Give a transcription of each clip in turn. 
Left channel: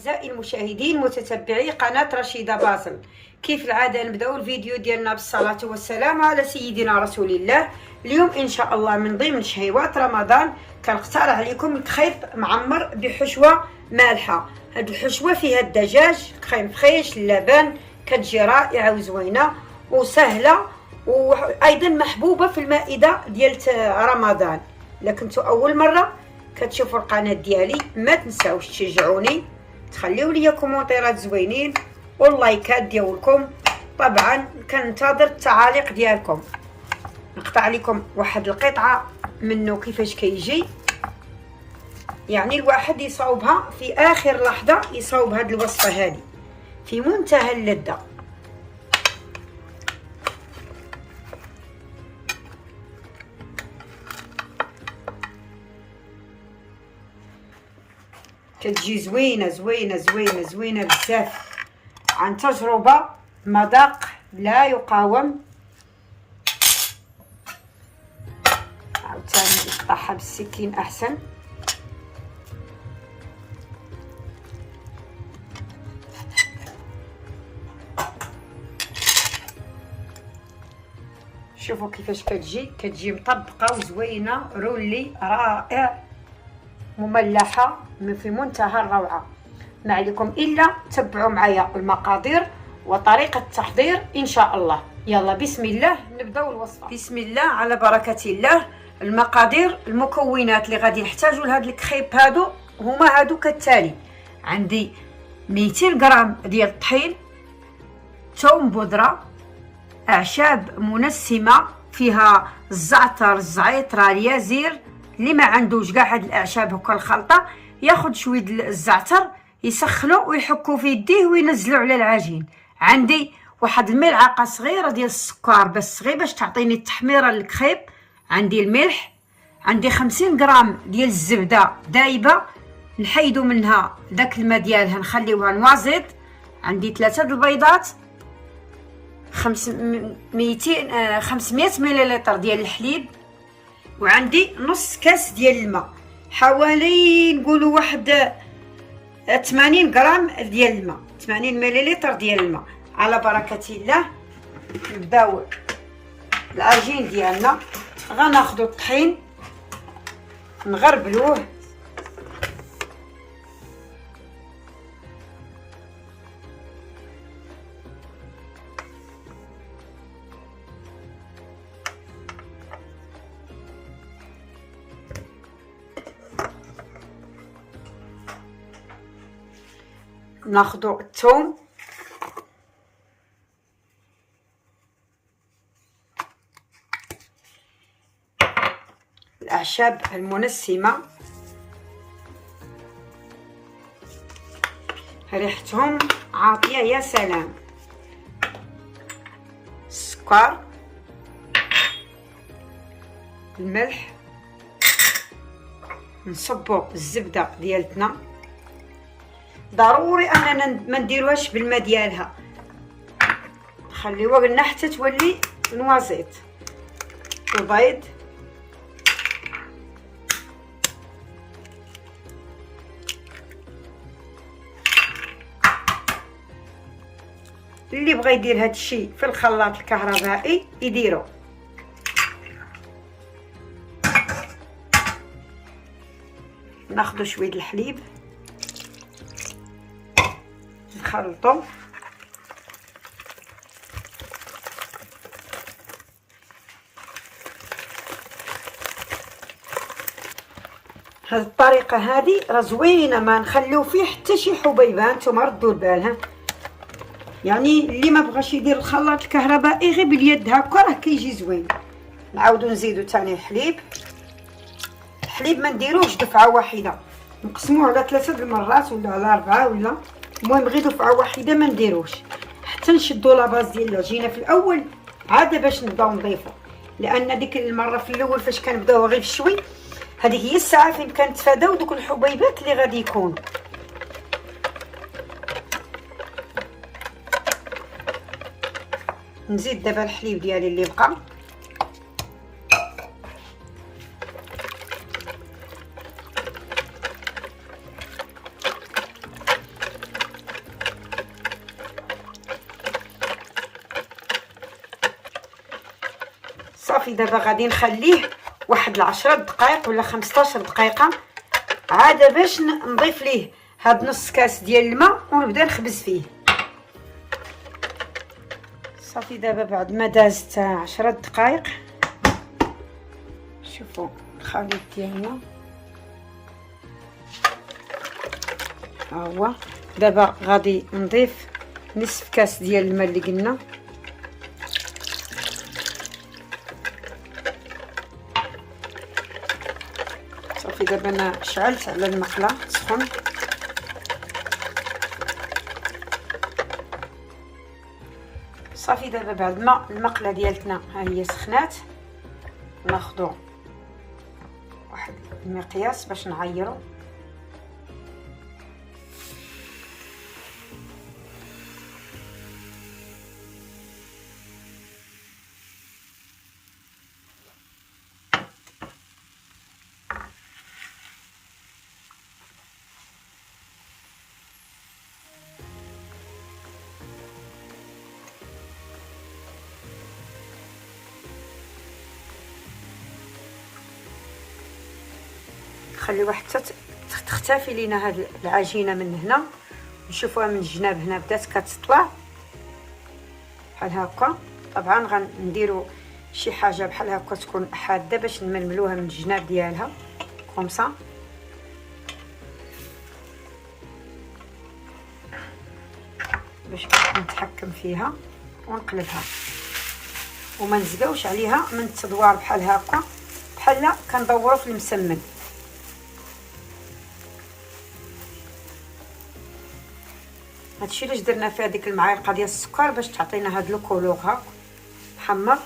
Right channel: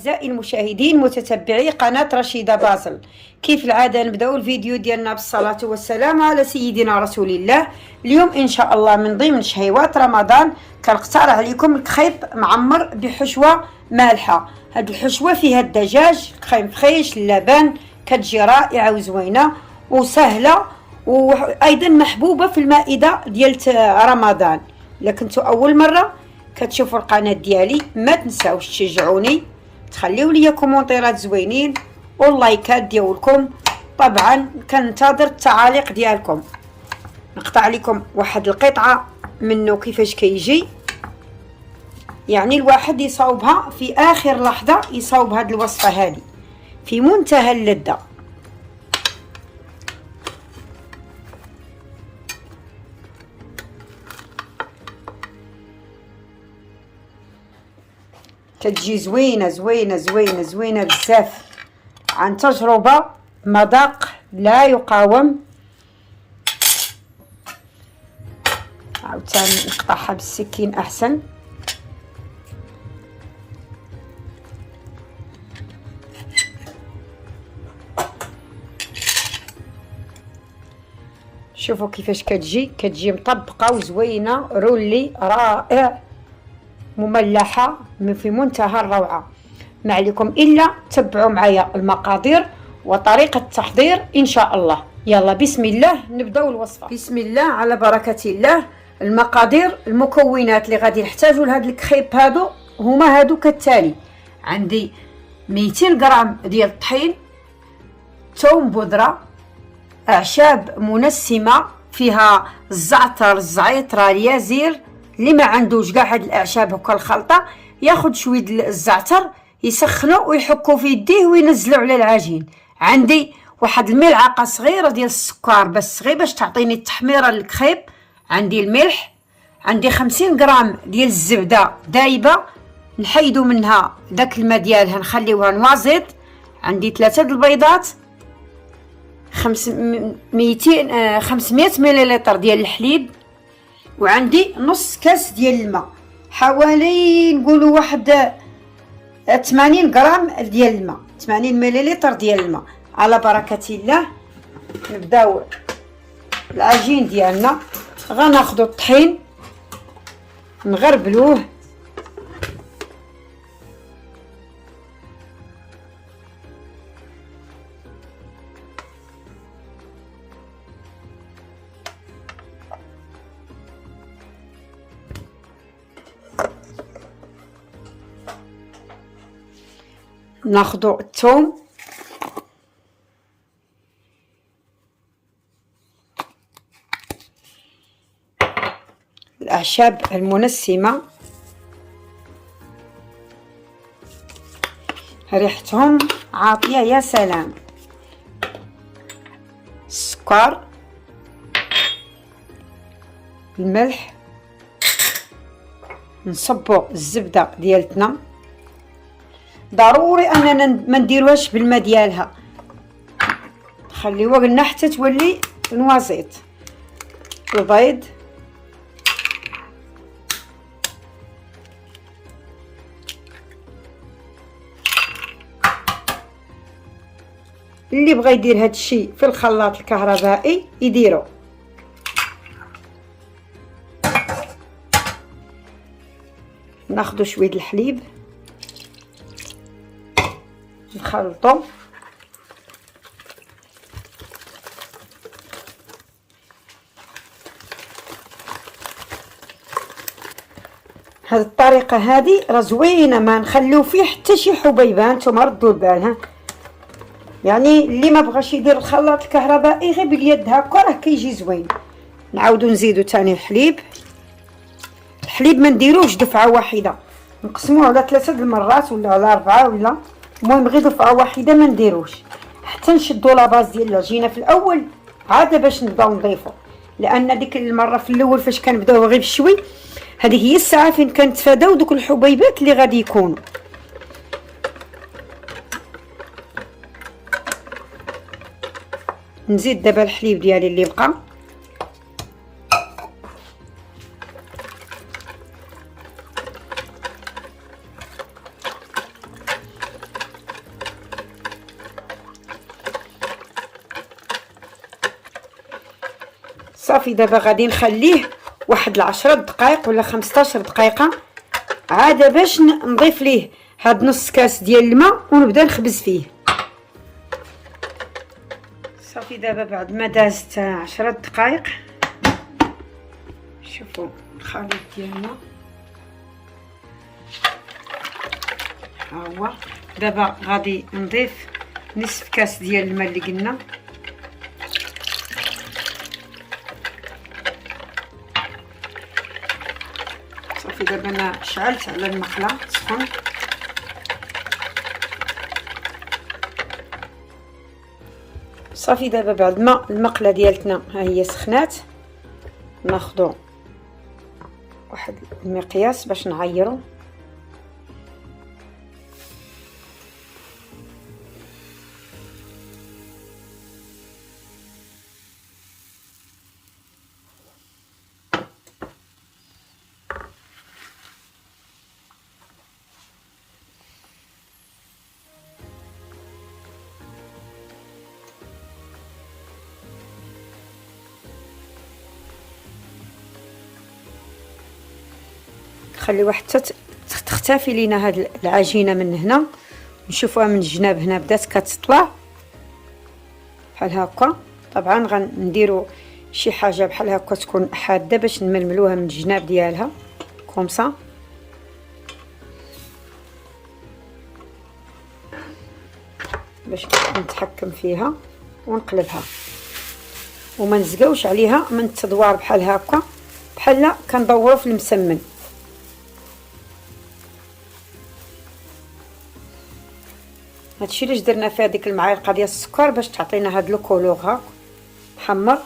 أعزائي المشاهدين متتبعي قناة رشيدة باسل، كيف العادة نبداو الفيديو ديالنا بالصلاة والسلام على سيدنا رسول الله. اليوم إن شاء الله من ضمن شهيوات رمضان كنقترح عليكم الكخيب معمر بحشوة مالحة. هاد الحشوة فيها الدجاج كخيم فريش اللبن، كتجي رائعة وزوينة وسهلة وأيضا محبوبة في المائدة ديال رمضان. إلا كنتو أول مرة كتشوفوا القناه ديالي ما تنساوش تشجعوني، تخليو لي كومونتيرات زوينين واللايكات ديالكم. طبعا كننتظر التعاليق ديالكم. نقطع لكم واحد القطعه منه كيفاش كيجي، يعني الواحد يصاوبها في اخر لحظه، يصاوب هذه الوصفه هذه في منتهى اللذه. كتجي زوينه زوينه زوينه زوينه بزاف، عن تجربه مذاق لا يقاوم. عاوتاني نقطعها بالسكين احسن. شوفوا كيفاش كتجي مطبقه وزوينه، رولي رائع، مملحه في منتهى الروعه. ما عليكم الا تبعوا معايا المقادير وطريقه التحضير ان شاء الله. يلا بسم الله نبداو الوصفه. بسم الله على بركه الله. المقادير المكونات اللي غادي نحتاجوا لهذا الكخيب هما كالتالي: عندي 200 غرام ديال الطحين، ثوم بودره، اعشاب منسمه فيها الزعتر، الزعيطره، اليازير. اللي ما عندوش كاع هاد الاعشاب هكا الخلطه ياخذ شويه الزعتر يسخنوا ويحكوا في يديه وينزلوا على العجين. عندي واحد الملعقه صغيره ديال السكر بس غير باش تعطيني التحميره للكخيب. عندي الملح، عندي 50 غرام ديال الزبده دايبه نحيدوا منها داك الماء ديالها نخليوها نوازيط. عندي 3 البيضات، 500 مليلتر ديال الحليب، وعندي نص كاس ديال الماء، حوالي نقولوا واحد 80 غرام ديال الماء، 80 مليلتر ديال الماء. على بركه الله نبداو العجين ديالنا. غناخذوا الطحين نغربلوه، ناخذوا الثوم، الاعشاب المنسمه ريحتهم عاطيه يا سلام، السكر، الملح، نصبوا الزبده ديالتنا. ضروري اننا ما نديروهاش بالماء ديالها، نخليوها قلنا حتى تولي نوازيط. البيض، اللي بغى يدير هاد الشيء في الخلاط الكهربائي يديرو. ناخذ شويه الحليب نخلطو. هذه الطريقه هذه راه زوينه، ما نخليو فيه حتى شي حبيبه. نتوما ردوا البال، يعني اللي ما بغاش يدير الخلاط الكهربائي غير باليد هكا راه كيجي زوين. نعاودو نزيدو تاني الحليب ما نديروش دفعه واحده، نقسموه على 3 المرات ولا على 4، ولا المهم غير دفعه واحده ما نديروش حتى نشدوا لاباز ديال العجينه في الاول عاد باش نبداو نضيفو. لان ديك المره في الاول فاش كنبداو غير بشوي، هذه هي الساعه فين كنتفاداو دوك الحبيبات اللي غادي يكونوا. نزيد دابا الحليب ديالي اللي بقى، صافي دابا غادي نخليه واحد 10 دقائق ولا 15 دقيقه عاد باش نضيف ليه هاد نص كاس ديال الماء ونبدا نخبز فيه. صافي دابا بعد ما دازت 10 دقائق شوفوا الخليط ديالنا ها هو. دابا غادي نضيف نصف كاس ديال الماء اللي قلنا، صافي دابا انا شعلت على المقله سخون. صافي دابا بعد ما المقله ديالتنا ها هي سخنات، ناخذ واحد المقياس باش نعيرو. خليوها حتى تختفي لينا هاد العجينه من هنا، نشوفوها من الجناب هنا بدات كتطلع بحال هكا. طبعا غنديروا شي حاجه بحال هكا تكون حاده باش نململوها من الجناب ديالها كومسا. باش نتحكم فيها ونقلبها وما نزقاوش عليها من التدوار بحال هكا، بحال كندوروا في المسمن. هادشي علاش درنا فيها ديك المعالقه ديال السكر باش تعطينا هاد الكولور محمر.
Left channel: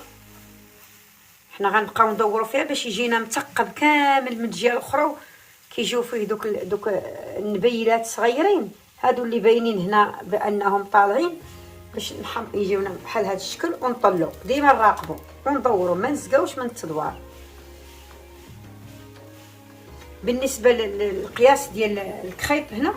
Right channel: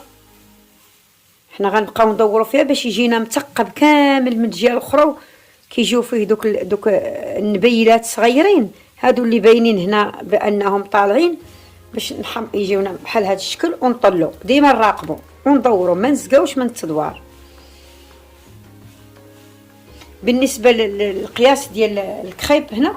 حنا غنبقاو ندوروا فيها باش يجينا مثقب كامل من الجهه الاخرى، كيجيو فيه دوك النبيلات صغيرين هادو اللي باينين هنا بانهم طالعين باش يجيونا بحال هاد الشكل، ونطلو ديما نراقبوا وندوروا ما نزقاوش من التدوار. بالنسبه للقياس ديال الكريب هنا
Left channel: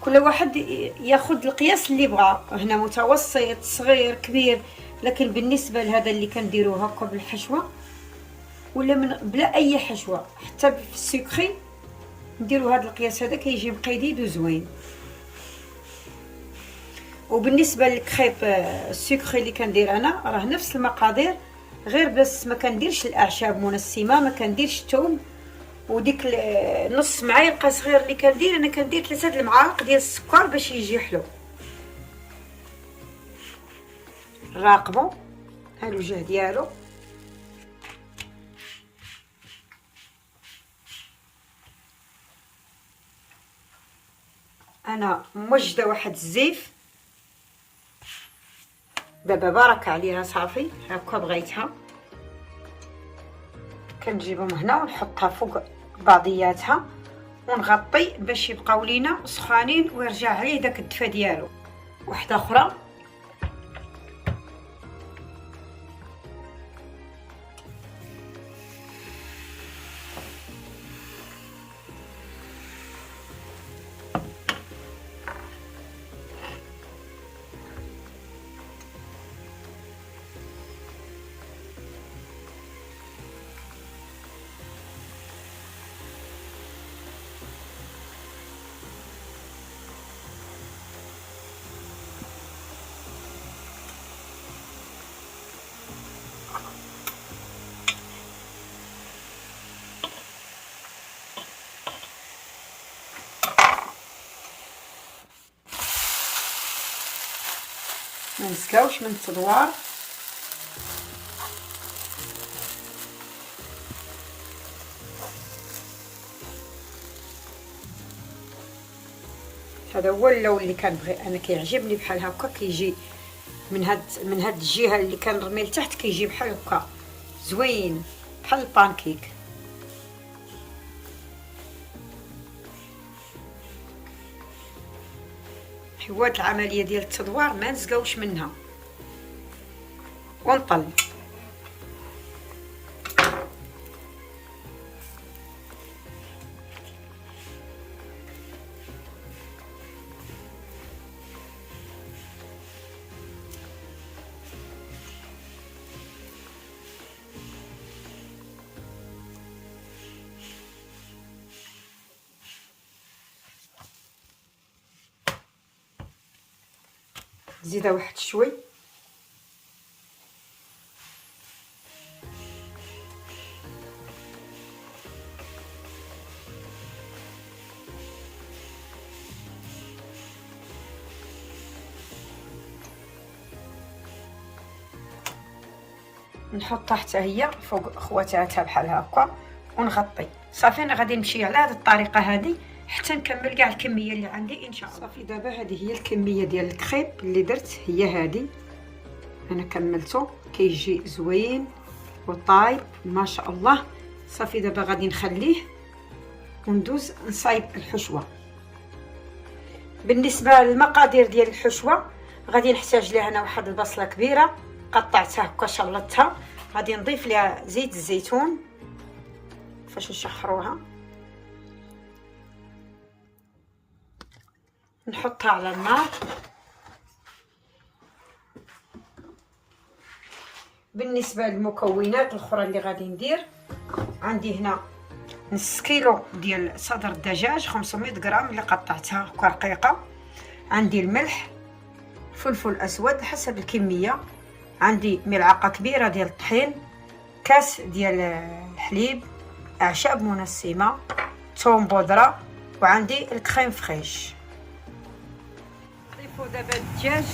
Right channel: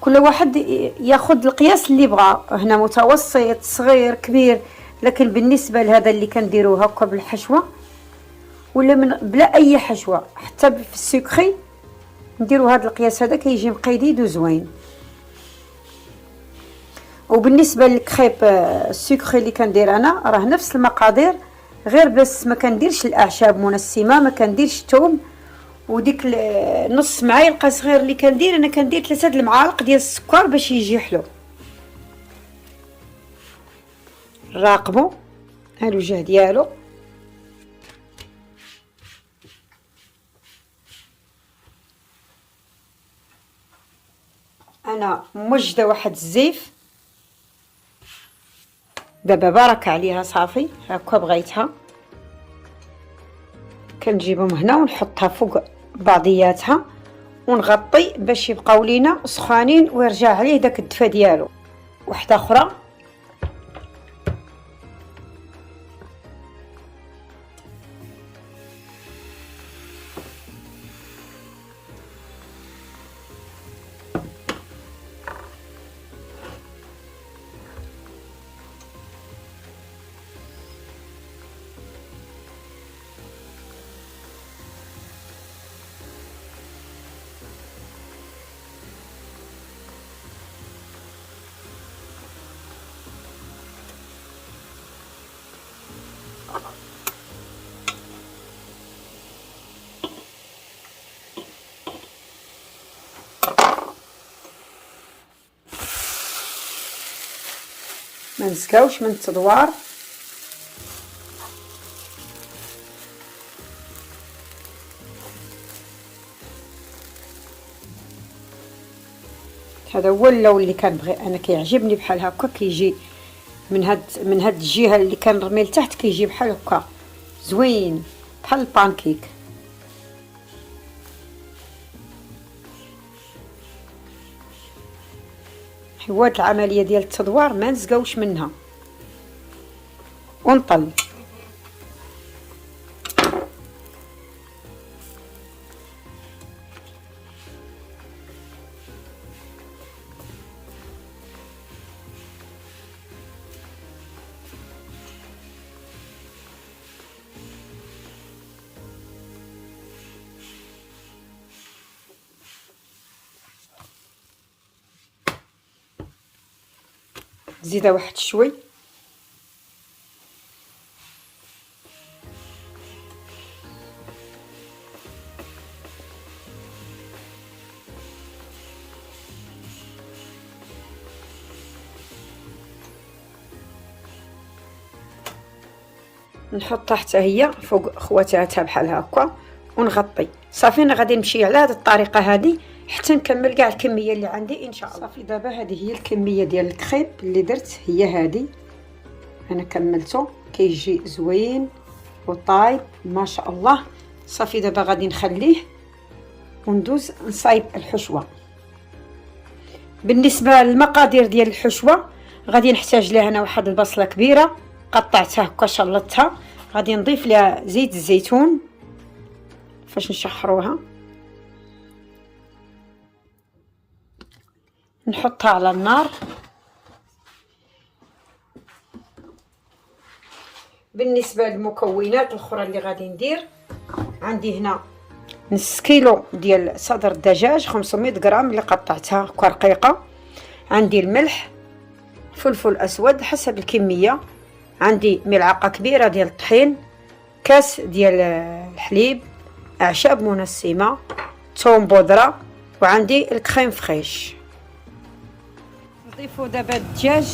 كل واحد ياخذ القياس اللي بغا، هنا متوسط صغير كبير، لكن بالنسبه لهذا اللي كنديروه هكا بالحشوه ولا من بلا اي حشوه حتى في السكري نديروا هذا القياس هذا كيجي مقيديد وزوين. وبالنسبه للكريب السكري اللي كندير انا راه نفس المقادير، غير بس ما كنديرش الاعشاب منسمه، ما كنديرش الثوم، وديك نص معلقه صغير اللي كندير انا كندير 3 المعالق ديال السكر باش يجي حلو. راقبوا ها الوجه ديالو. انا موجده واحد الزيف دابا بارك عليها صافي هكا بغيتها، كنجيبهم هنا ونحطها فوق بعضياتها ونغطي باش يبقاو لينا سخانين ويرجع عليه داك الدفا ديالو. وحده اخرى ما نسقاوش من التدوار. هذا هو اللون اللي كنبغي انا، كيعجبني بحال هكا، كيجي من هاد الجهه اللي كنرمي لتحت كيجي بحال هكا زوين بحال البانكيك. هاد العمليه ديال التدوار ما نسقاوش منها ونطلع. زيدها واحد شوي. نحطها حتى هي فوق خواتاتها بحال هكا ونغطي. صافي انا غادي نمشي على هذه الطريقه هذه حتى نكمل كاع الكميه اللي عندي ان شاء الله. صافي دابا هذه هي الكميه ديال الكريب اللي درت، هي هذه انا كملته، كيجي زوين وطايب ما شاء الله. صافي دابا غادي نخليه وندوز نصايب الحشوه. بالنسبه للمقادير ديال الحشوه غادي نحتاج ليها انا واحد البصله كبيره قطعتها هكا شلطتها، غادي نضيف ليها زيت الزيتون فاش نشحروها، نحطها على النار. بالنسبه للمكونات الاخرى اللي غادي ندير، عندي هنا نص كيلو ديال صدر الدجاج 500 غرام اللي قطعتها هكا رقيقه، عندي الملح، فلفل اسود حسب الكميه، عندي ملعقه كبيره ديال الطحين، كاس ديال الحليب، اعشاب منسمه، ثوم بودره، وعندي الكريم فريش. نضيفوا دابا الدجاج،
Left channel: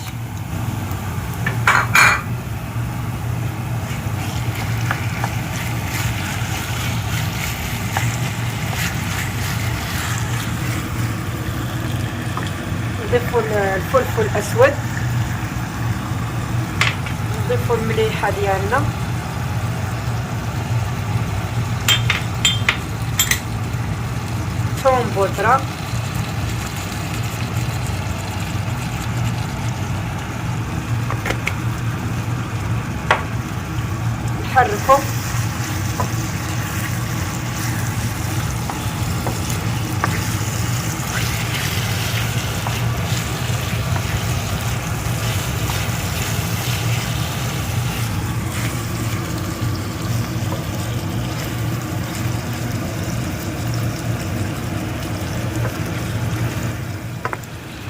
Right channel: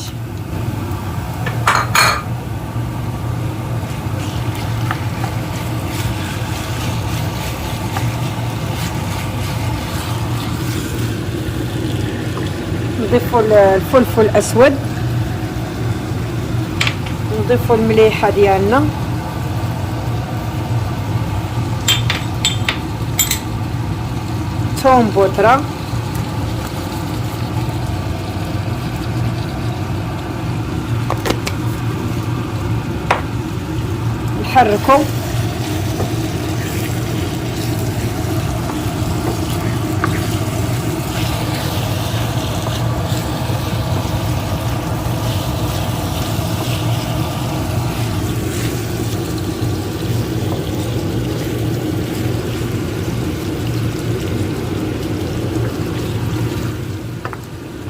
نضيفوا الفلفل الاسود، نضيفوا المليحه ديالنا، ثوم بودره، نحركو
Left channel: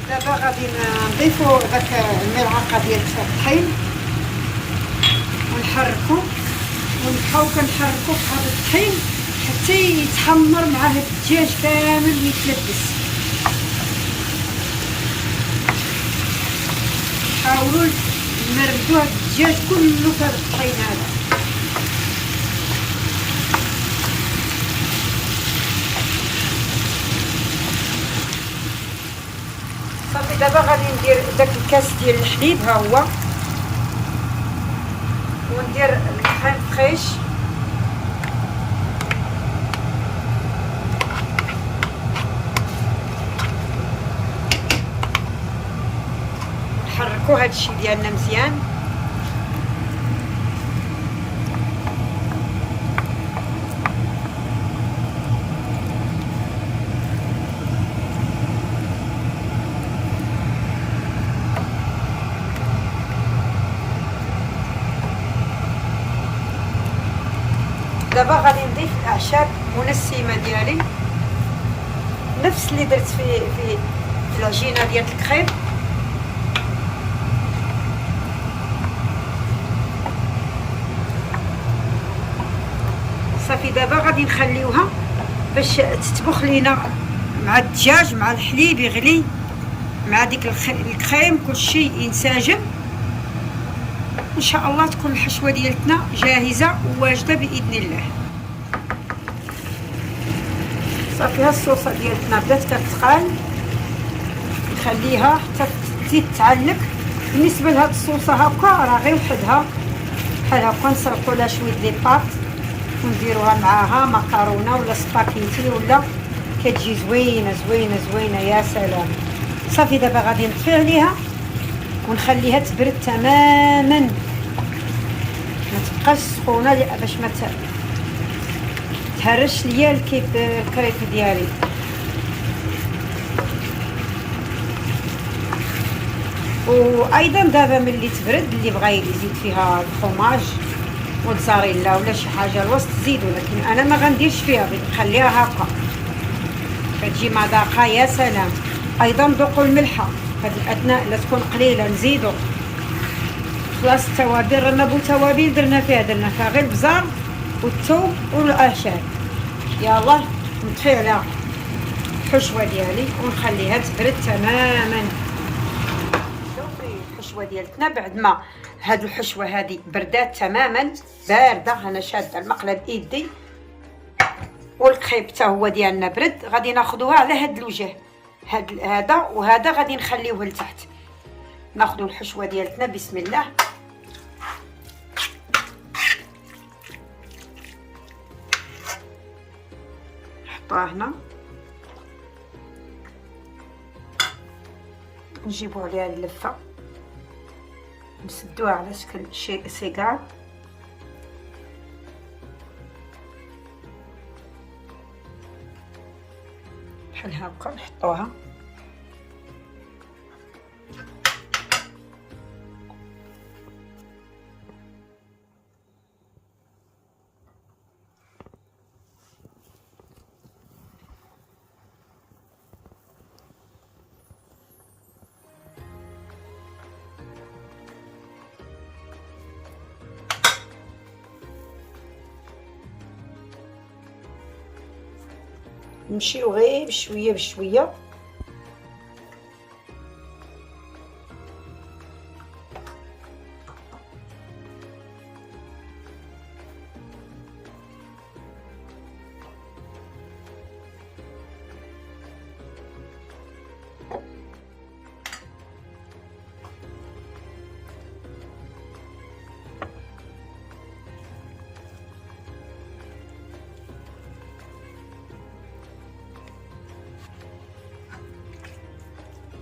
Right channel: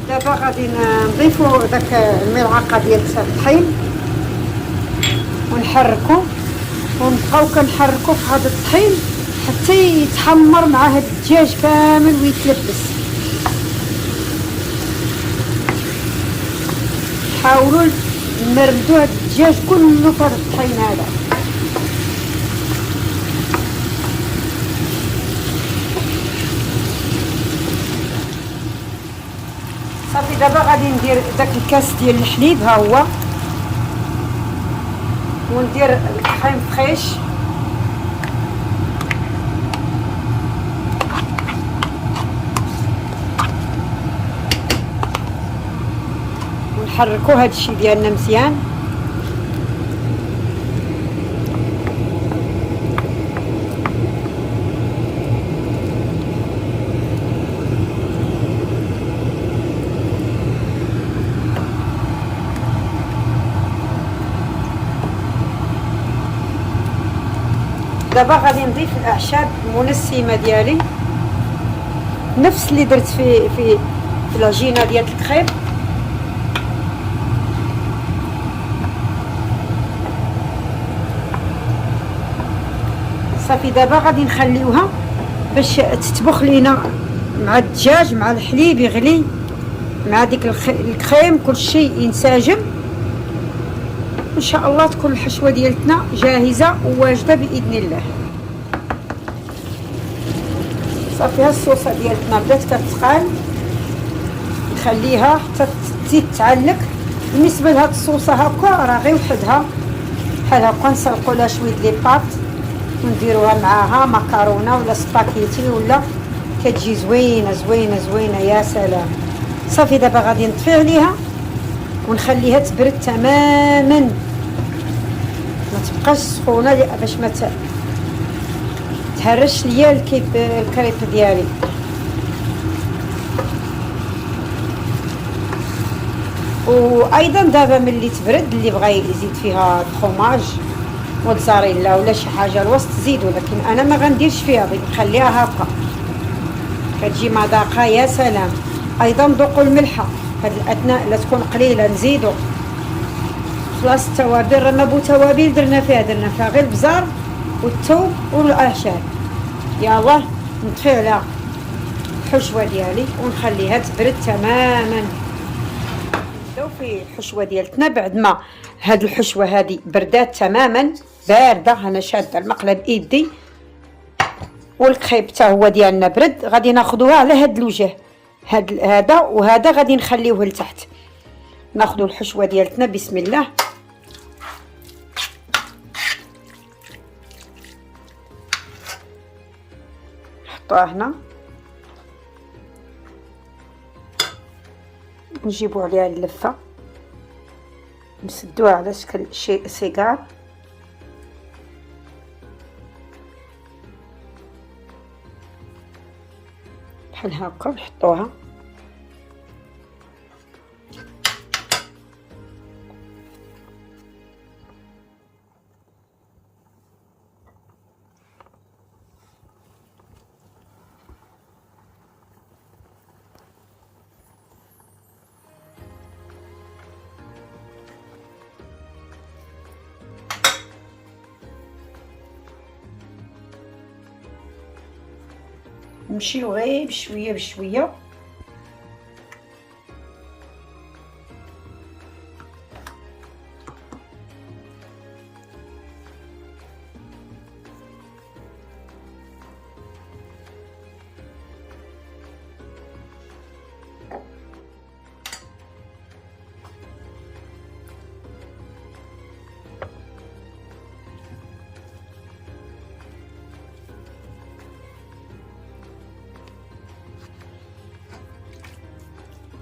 دابا غادي نضيفو داك الملعقه ديال الطحين ونحركو، ونبقاو كنحركو في هذا الطحين حتى يتحمر مع هاد الدجاج كامل ويتلبس. حاولوا نمردوا هاد الدجاج كله في هذا الطحين هذا. صافي دابا غادي ندير داك الكاس ديال الحليب ها هو، وندير الكريم فريش، ونحركو هادشي ديالنا مزيان. دابا غادي نضيف الاعشاب المنسمه ديالي نفس اللي درت في العجينه ديال الكريب. صافي دابا غادي نخليوها باش تطبخ لينا مع الدجاج مع الحليب يغلي مع ديك الكريم كلشي ينسجم. ان شاء الله تكون الحشوه ديالتنا جاهزه وواجده باذن الله. صافي ها الصوصه ديالتنا بدات كتقال، نخليها حتى تزيد تعلق. بالنسبه لهاد الصوصه هكا راه غير وحدها بحال هكا، نسلقوا لها شويه لي باط ونديروها معاها مكرونه ولا سباكيتي ولا كتجي زوينه زوينه زوينه يا سلام. صافي دابا غادي نطفي عليها ونخليها تبرد تماما، ما تبقاش سخونه باش ما تهرش ليا الكريب ديالي. وايضا دابا ملي تبرد اللي بغى يزيد فيها الفرماج موتزاريلا ولا شي حاجه الوسط زيد، ولكن انا ما غنديرش فيها، بغيت نخليها هكا كتجي مذاقها يا سلام. ايضا ذوقوا الملحه. هاد الاثناء لا تكون قليله نزيدو. خلاص التوابل رانا بو توابل درنا فيها غير البزار والثوم والاعشاب. يلا نطفي على الحشوه ديالي ونخليها تبرد تماما. شوفي الحشوه ديالتنا بعد ما هاد الحشوه هادي بردات تماما بارده، انا شاده المقله بايدي والكريب حتى هو ديالنا برد. غادي ناخذوها على هاد الوجه، هذا وهذا غادي نخليوه لتحت. ناخذوا الحشوه ديالتنا بسم الله. نحطوها هنا نجيبو عليها اللفه، نسدوها على شكل سيجار. بحال هكا نحطوها. نمشيو غير بشويه بشويه.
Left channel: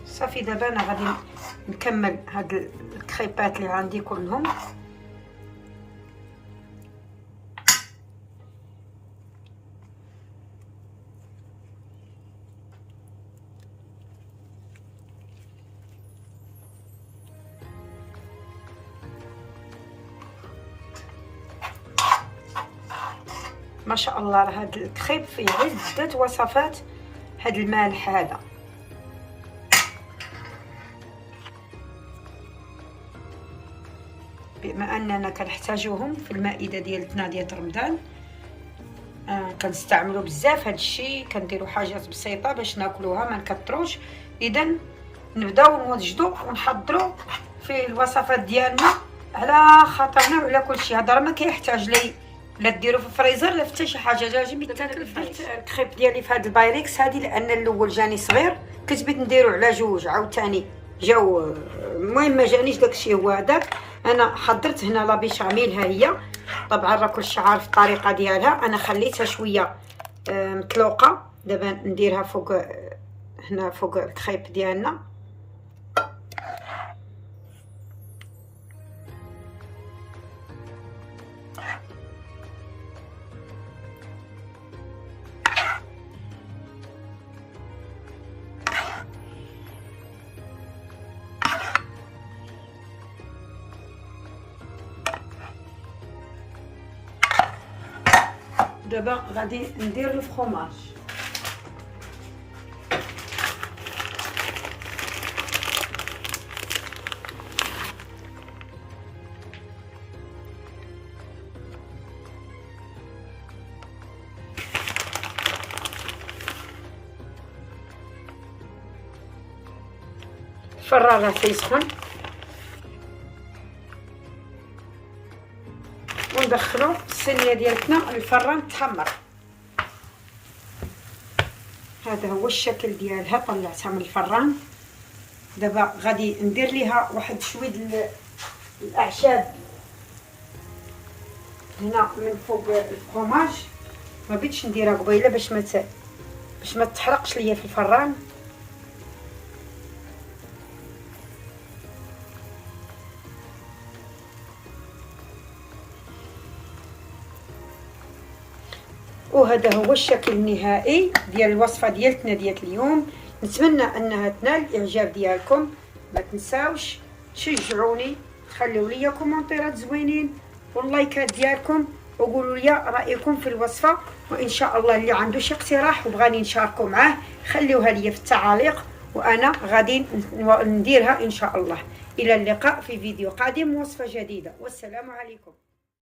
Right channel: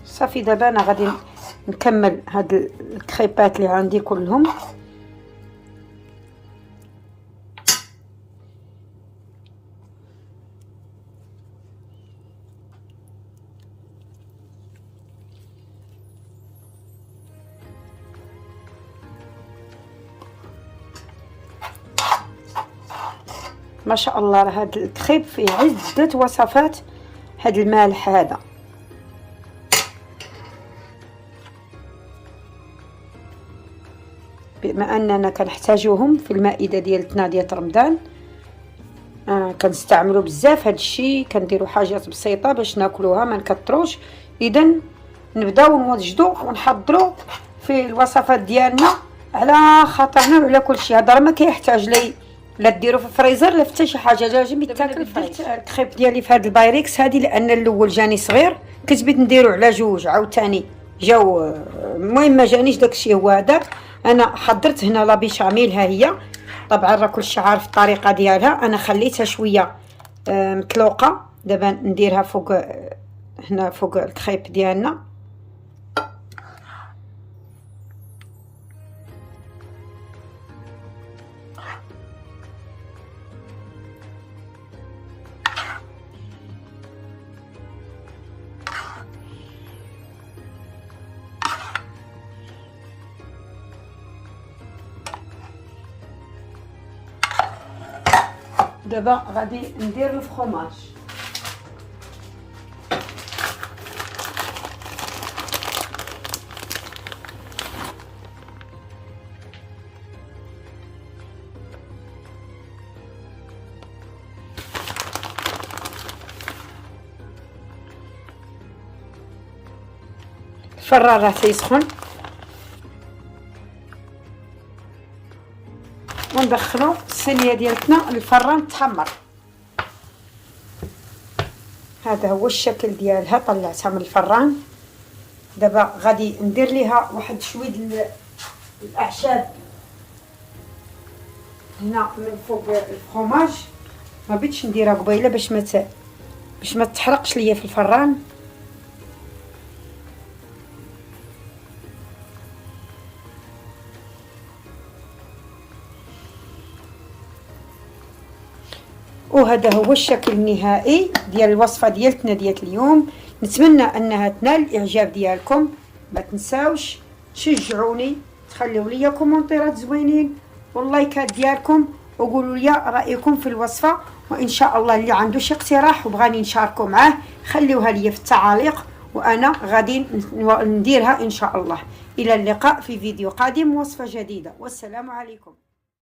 صافي دابا انا غادي نكمل هاد الكريبات اللي عندي كلهم. ما شاء الله راه هاد الكريب فيه عدة وصفات. هاد المالح هذا بما اننا كنحتاجوهم في المائده ديالتنا ديال رمضان، كنستعملوا بزاف هاد الشيء، كنديروا حاجات بسيطه باش ناكلوها ما نكثروش. اذا نبداو نوجدوا ونحضروا في الوصفات ديالنا على خاطرنا وعلى كل شيء. هذا راه ما كيحتاج لي لا ديروا في الفريزر لا حتى شي حاجه، لازم يتاكل فريش. الكريب ديالي في هاد البايركس هادي لان الاول جاني صغير كنت بغيت نديرو على جوج، عاوتاني جاو المهم ما جانيش داكشي هو هذاك. انا حضرت هنا لا بيشاميل، ها هي طبعا راه كلشي عارف الطريقه ديالها. انا خليتها شويه مطلوقه، دابا نديرها فوق هنا فوق الكريب ديالنا. دابا غادي ندير الفرomاج. الفران راه تيسخن وندخلو الصينيه ديالتنا الفران تحمر. هذا هو الشكل ديالها، طلعتها من الفران. دابا غادي ندير ليها واحد شويه الاعشاب هنا من فوق الفرomاج. ما بغيتش نديرها قبيله باش ما تحرقش ليا في الفران. وهذا هو الشكل النهائي ديال الوصفه ديالتنا ديال اليوم. نتمنى انها تنال الاعجاب ديالكم. ما تنساوش تشجعوني، تخليو لي كومونتيرات زوينين واللايكات ديالكم، وقولوا لي رايكم في الوصفه. وان شاء الله اللي عنده شي اقتراح وبغاني نشاركو معاه خليوها لي في التعاليق وأنا غادي نديرها إن شاء الله. إلى اللقاء في فيديو قادم، وصفة جديدة، والسلام عليكم.